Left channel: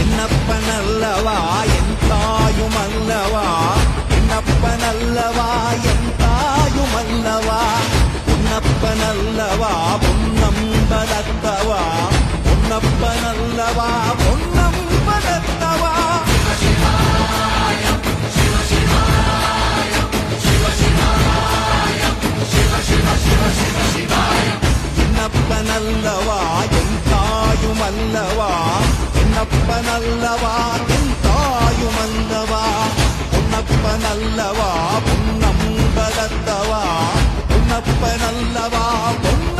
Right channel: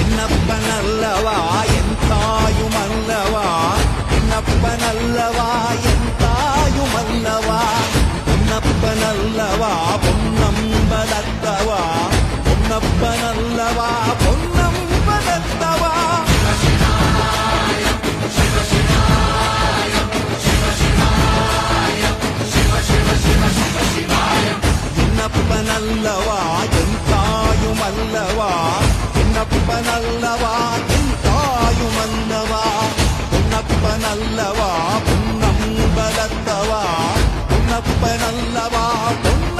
என்னப்பனல்லவா என் தாயுமல்லவா, என்னப்பனல்லவா என் தாயுமல்லவா, பொன்னப்பனல்லவா பொன்னம்பலத்தவா, பொன்னப்பனல்லவா பொன்னம்பலத்தவா. என்னப்பனல்லவா என் தாயுமல்லவா, என்னப்பனல்லவா என் தாயுமல்லவா, பொன்னப்பனல்லவா பொன்னம்பலத்தவா, பொன்னப்பனல்லவா பொன்ன